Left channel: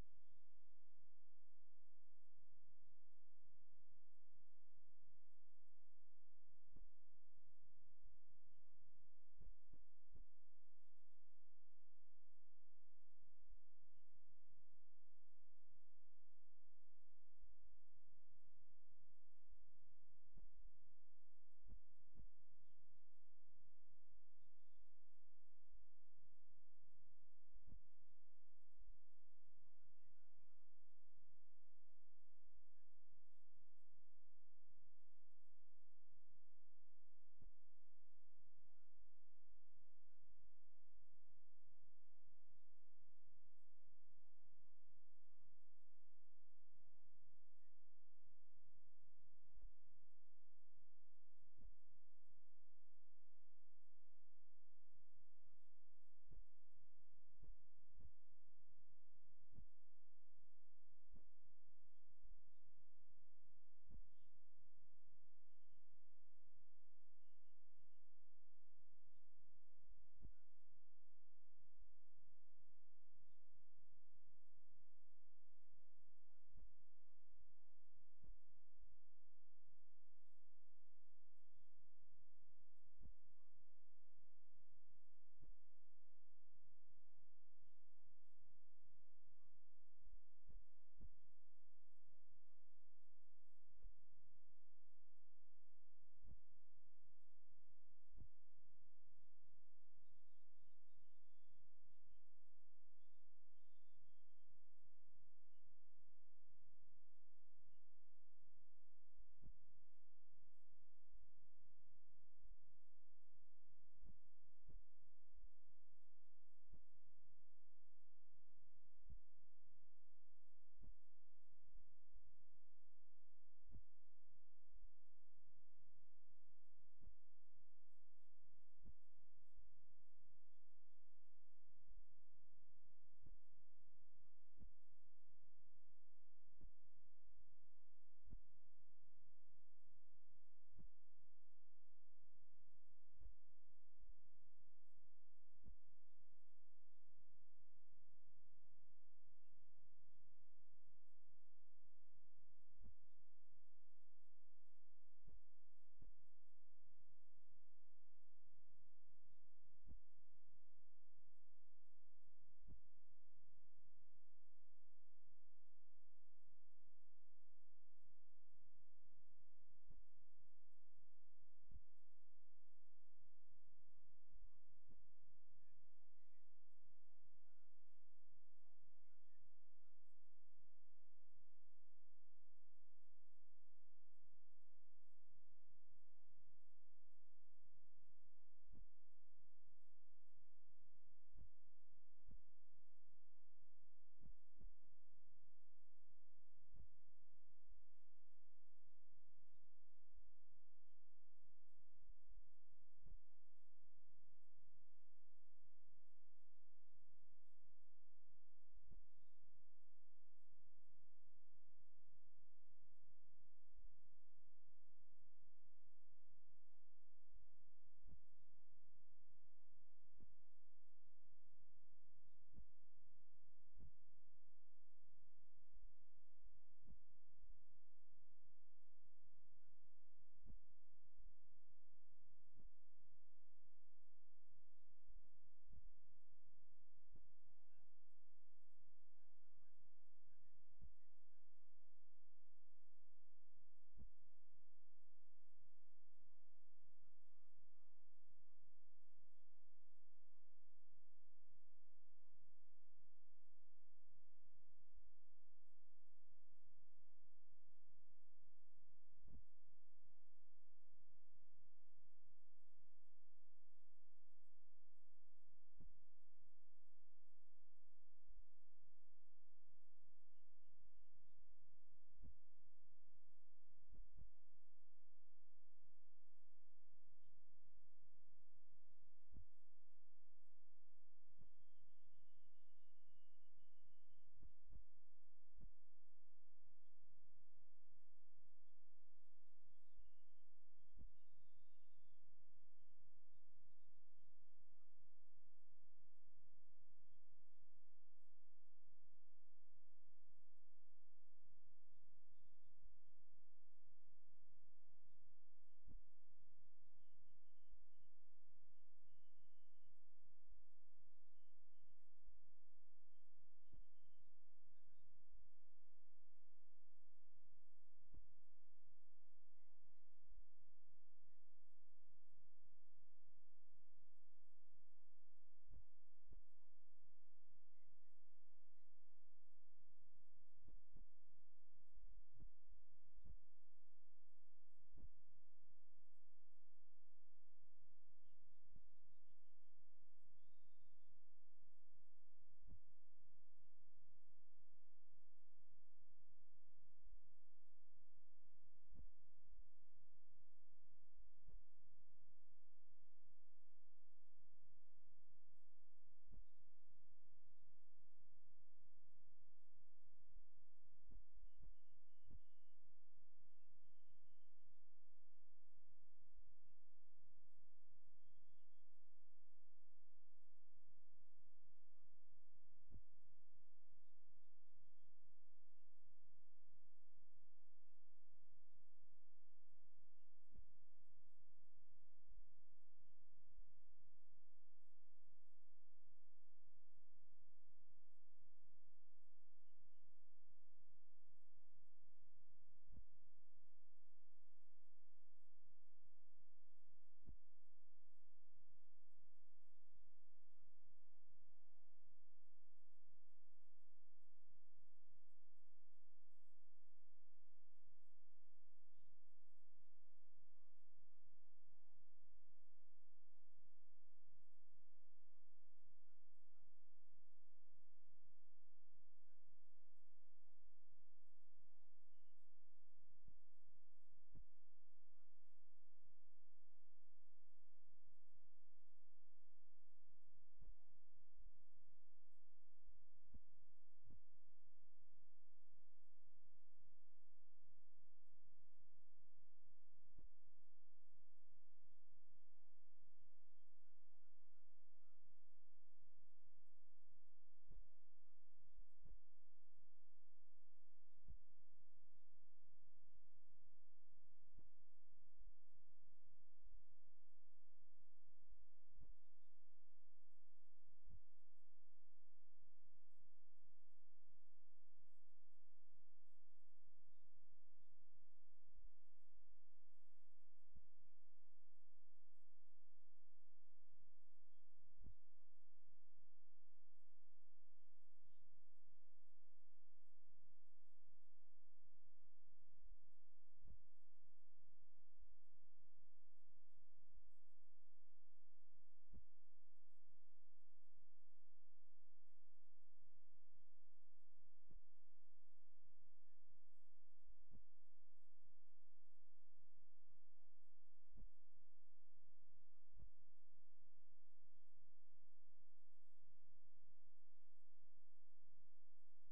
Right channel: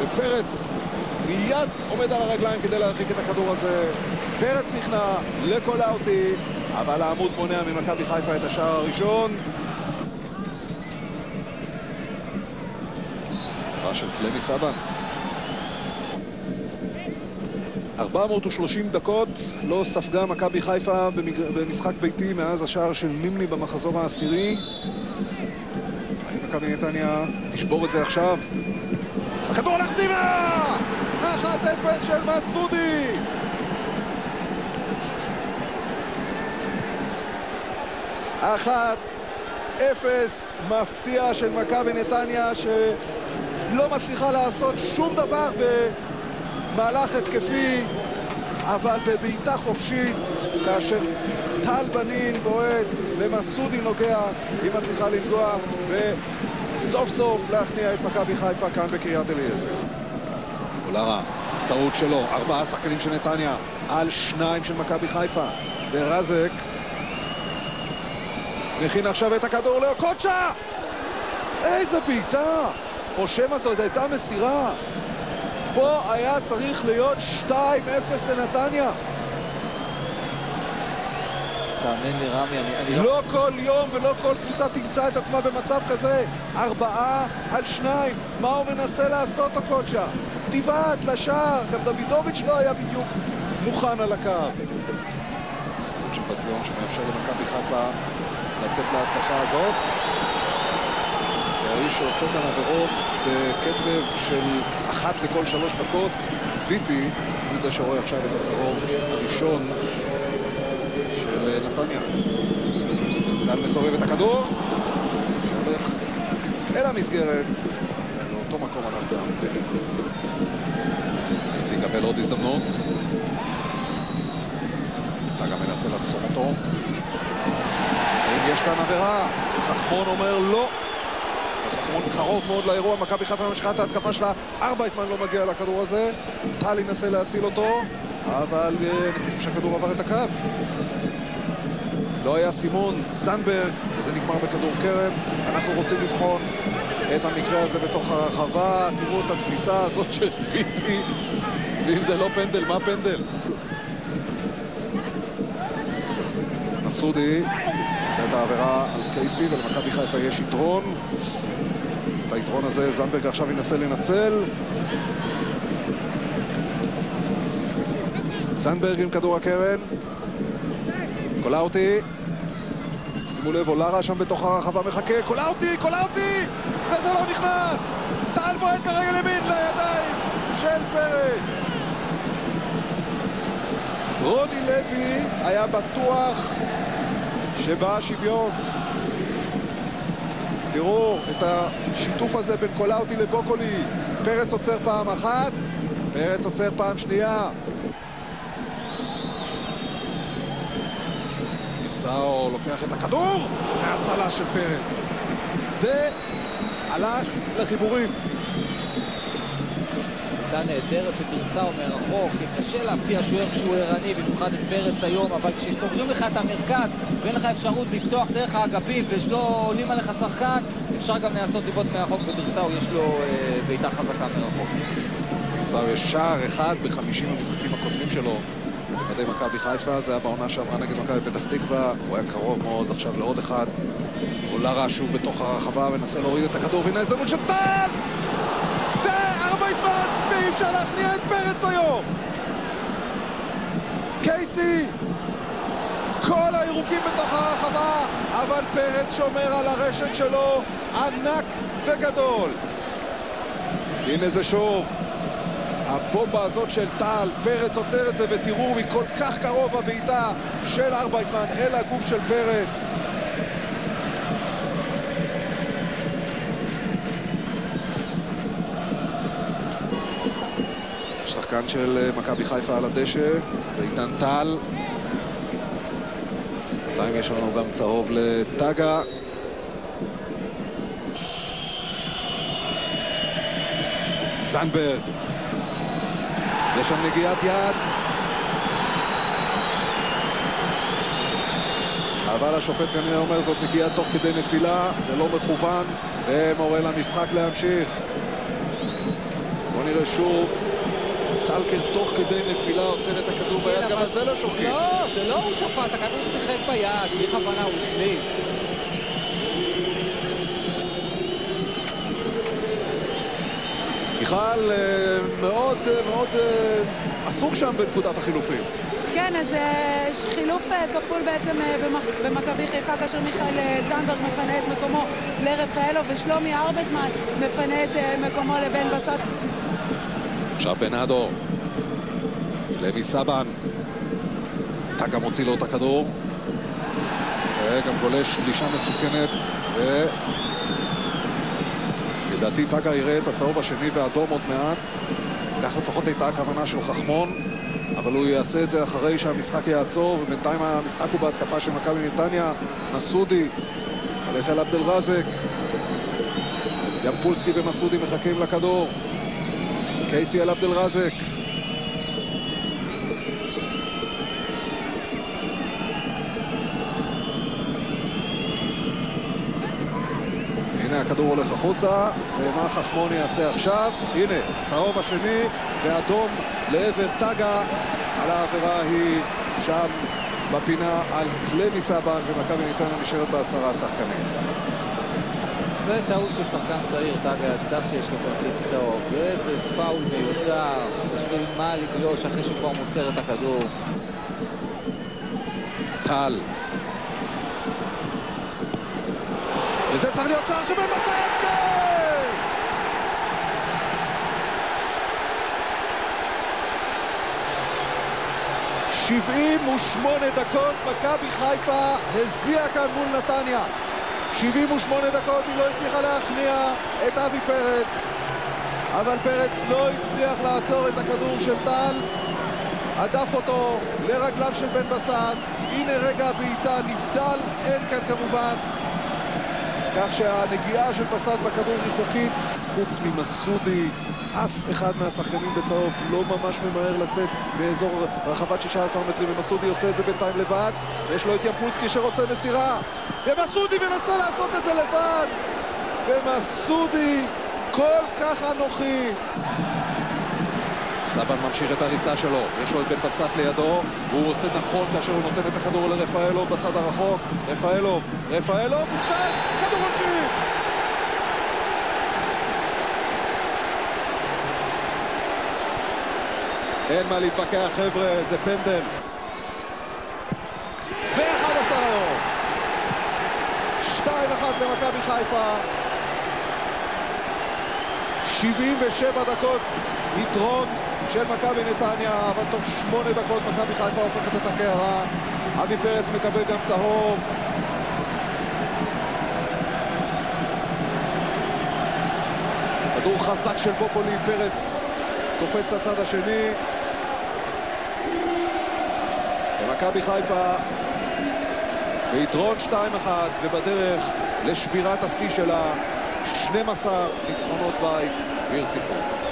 ופרץ מיד עומד על הרגליים כדי להרחיק את הכדור הזה. פרץ נכנע לקולאוטי, אבל העמוד מונע ממכבי חיפה את השער הראשון. של קלמי סבן. 430 דקות לא ספגה מכבי חיפה במשחק ביתי מאז השער של נימני במחזור העשירי. האם מכבי נתניה תשבור את זה עכשיו? הכדור הולך פנימה! 1-0 של מסודי! אפס מפתיע של מכבי נתניה שלא מצליחה לעשות שום דבר במהלך התקפי, אבל בבעיטה חופשית, כאשר טל בנין בועט ומסודי נוגע, היא מצליחה לנגוע וסוף סוף להכניע את מכבי חיפה כאן בקריית אליעזר. אולרה, טעות שלו, 4 שחקנים של נתניה על 2 של מכבי חיפה, ורזק מכין עכשיו את הכדור לאוקוצ'ה. איזה בעיטה! או שמא זאת הייתה מסירה. פה היה צריך להיות 2-0 לנתניה. תאמין לי רמי, אני לא כל יום ולא כל קבוצה תמצא את עצמה במצב כזה. 4 על 2. מה הוא מנסה לעשות אוקוצ'ה? תיבעט לשער. גם דוידוביץ' לא היה בדיוק מוכן על הקו. צ'פסיון שמאפשר למכבי חיפה לצאת להתקפה הזאת. האיש שעושה כאן עבירות בקצב של 1 לכל 3 דקות, צביטי, הוא זה שרואה עכשיו את הצהוב הראשון של נתניה. דל מסובב את הכדור, הולך אל המסגרת, לאותו מקום הלך גם פרץ. ניסי יקבל עוד הזדמנות. אתה גם מנסה לחסום אותו. יש כאן עבירה, חכמון אומר לא. חכמון קרוב מאוד לאירוע, מכבי חיפה ממשיכה את ההתקפה שלה, ארבייטמן לא מגיע לכדור הזה, טל ינסה להציל אותו, אבל אני חושב שהכדור עבר את הקו. לא היה סימון, סנברג, וזה נגמר בכדור קרן. אנחנו רוצים לבחון את המקרה הזה בתוך הרחבה, תראו את התפיסה הזאת של סוויטי, ואם זה לא פנדל, מה פנדל? מסודי עושה את העבירה על קייסי, ולמכבי חיפה יש יתרון. את היתרון הזה זנברג עכשיו ינסה לנצל. זנברג עם כדור הקרן. קולאוטי. שימו לב, אולרה שם בתוך הרחבה מחכה. קולאוטי! וזה לא נכנס! טל בועט ברגל ימין לידיים של פרץ. רוני לוי היה בטוח שבא שוויון. תראו את השיתוף הזה בין קולאוטי לבוקולי. פרץ עוצר פעם אחת, פרץ עוצר פעם שנייה. גרסאו לוקח את הכדור, והצלה של פרץ. זה הלך לחיבורים. עמדה נהדרת של גרסאו מרחוק, קשה להפתיע שוער כשהוא ערני, במיוחד את פרץ היום, אבל כשסוגרים לך את המרכז ואין לך אפשרות לפתוח דרך האגפים ושלא עולים עליך שחקן, אפשר גם לנסות לבעוט מרחוק, וגרסאו יש לו בעיטה חזקה מרחוק. גרסאו יש שער אחד ב50 המשחקים הקודמים שלו במדי מכבי חיפה, זה היה בעונה שעברה נגד מכבי פתח תקווה, הוא היה קרוב מאוד עכשיו לעוד אחד. אולרה שוב בתוך הרחבה ונסה להוריד את הכדור, והנה הזדמנות של טל! וארבייטמן, ואי אפשר להכניע את פרץ היום. קייסי, כל הירוקים בתוך הרחבה, אבל פרץ שומר על הרשת שלו, ענק וגדול. הנה זה שוב הבומבה הזאת של טל, פרץ עוצר את זה, ותראו מכל כך קרוב הבעיטה של ארבייטמן אל הגוף של פרץ. שחקן של מכבי חיפה על הדשא, זה עידן טל. בינתיים יש לנו גם צהוב לטגה. זנברג. יש שם נגיעת יד. אבל השופט כנראה אומר זאת נגיעה תוך כדי נפילה, זה לא מכוון, ומורה למשחק להמשיך. בואו נראה ושוב, טלקר תוך כדי נפילה עוצר את הכדור ביד, גם על זה לא שוקעים. לא, זה לא הוא תפס, הכדור שיחק ביד, בלי כוונה הוא החליט. מיכל מאוד מאוד עסוק שם בנקודת החילופים. כן, אז חילוף כפול בעצם במכבי חיפה, כאשר מיכאל זנדברג מפנה את מקומו לרפאלו ושלומי ארבטמן מפנה את מקומו לבן בסט. עכשיו בנאדו לוי סבן, טאגה מוציא לו את הכדור וגם גולש גלישה מסוכנת, לדעתי טאגה יראה את הצהוב השני והאדום עוד מעט. כך לפחות הייתה הכוונה של חכמון, אבל הוא יעשה את זה אחרי שהמשחק יעצור, ובינתיים המשחק הוא בהתקפה של מכבי נתניה. מסודי הולך אל עבדל רזק, ימפולסקי ומסודי מחכים לכדור, קייסי אל עבדל רזק, הנה הכדור הולך החוצה, ומה חכמון יעשה עכשיו? הנה, צהוב השני ואדום לעבר טאגה. על העבירה היא שם בפינה על לוי סבן, ומכבי נתניה נשארת ב10 שחקנים. זה טעות של שחקן צעיר, טאגה ידע שיש לו כרטיס צהוב, ואיזה פאול מיותר, בשביל מה לגלוש אחרי שהוא כבר מוסר את הכדור. טל, וזה צריך להיות שער שבן בסט! כן! 78 דקות, מכבי חיפה הזיעה כאן מול נתניה. 78 דקות, היא לא הצליחה להכניע את אבי פרץ, אבל פרץ לא הצליח לעצור את הכדור של טל, עדף אותו לרגליו של בן בסט. הנה רגע הבעיטה, נבדל, אין כאן כמובן, כך שהנגיעה של בסט בכדור היא חוקית. חוץ ממסודי, אף אחד מהשחקנים בצהוב לא ממש ממהר לצאת באזור רחבת 16 מטרים, ומסודי עושה את זה בינתיים לבד, ויש לו את ימפולסקי שרוצה מסירה, ומסודי מנסה לעשות את זה לבד, ומסודי כל כך אנוכי. סבן ממשיך את הריצה שלו, יש לו את בן בסט לידו, והוא רוצה נכון כאשר הוא נותן את הכדור לרפאלוב בצד הרחוק. רפאלוב, עכשיו כדור עונשין, אין מה להתווכח חבר'ה, זה פנדל. ו11 היום, 2-1 למכבי חיפה. 77 דקות יתרון של מכבי נתניה, אבל תוך 8 דקות מכבי חיפה הופכת את הקערה. אבי פרץ מקבל גם צהוב. כדור חזק של בופולי, פרץ קופץ לצד השני, ומכבי חיפה ביתרון 2-1 ובדרך לשבירת השיא שלה, 12 ניצחונות בית ברציפות.